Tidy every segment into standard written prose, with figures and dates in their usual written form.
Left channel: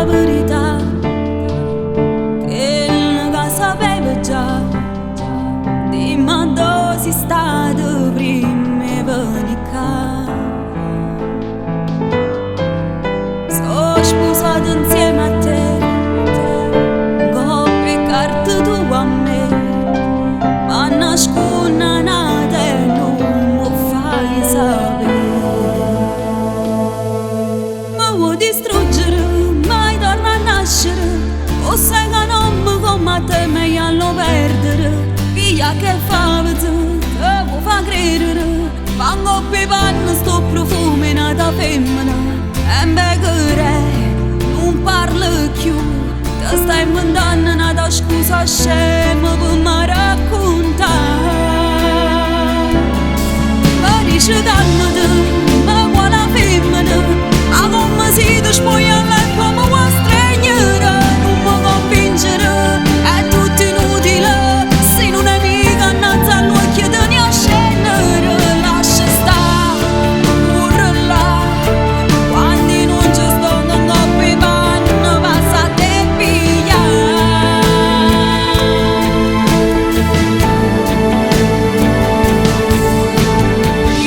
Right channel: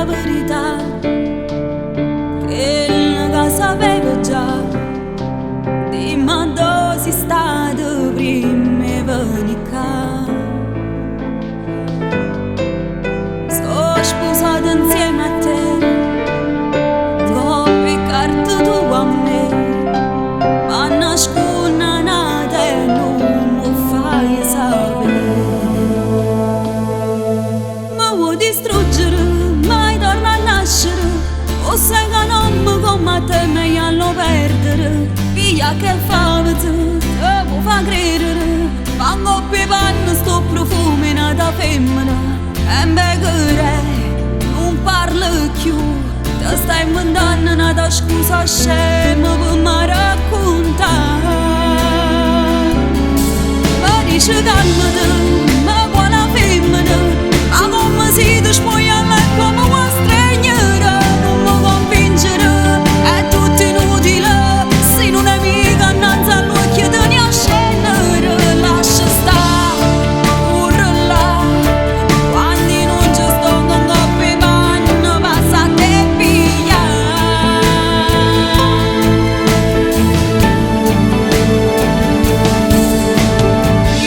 la verità, che sapeva già, dimmi dove sei stato prima di venire qua. Sono sposata insieme a te, coppia carta tu a me, ma nascondere nata e non mi fai sapere. Mi vuoi distruggere, mai torna a nascere, o sai che non mi come te meglio lo perdere. Via che fa vedere, te può fa credere, quando per panno sto profumo in una femmina. E mbeghere, non parlo più, te stai inventando una scusa scema per mi raccontare. Ma dici calmate, ma quale femmina, ma come si ti spoglia a letto mi vuoi stregnere. Non mi convincere, è tutto inutile, sei un'amica innanzi all'occhio te ne a scendere. Lascia stare, pure là, quando non ci sto con coppie panno, passa a te pigliare.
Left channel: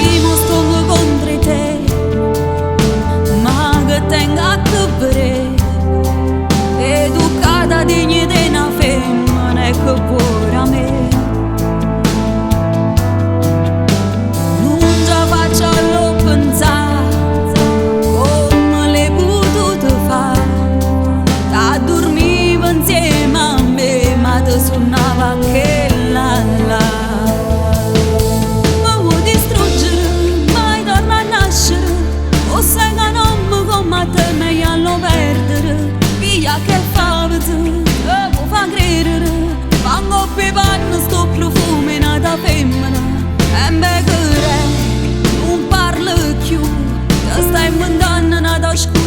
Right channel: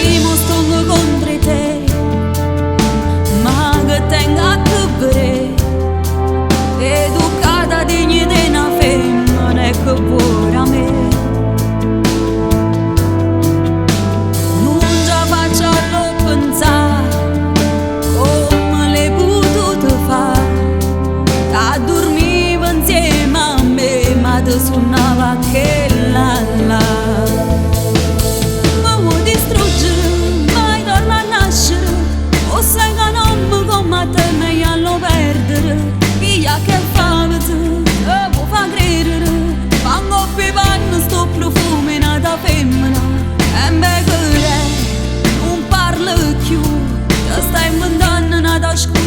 Io sto contro te, ma che tengo a vedere, educata dignità di una femmina che vuole a me. Non già faccio lo pensare come le potuto fare, da dormiva insieme a me ma ti suonava che là. Mi vuoi distruggere, mai torna a nascere, o sai che non mi come te meglio lo perdere. Via che fa vedere, te può fa credere, quando per panno sto profumo in una femmina. E mbeghere, non parlo più, te stai inventando una scusa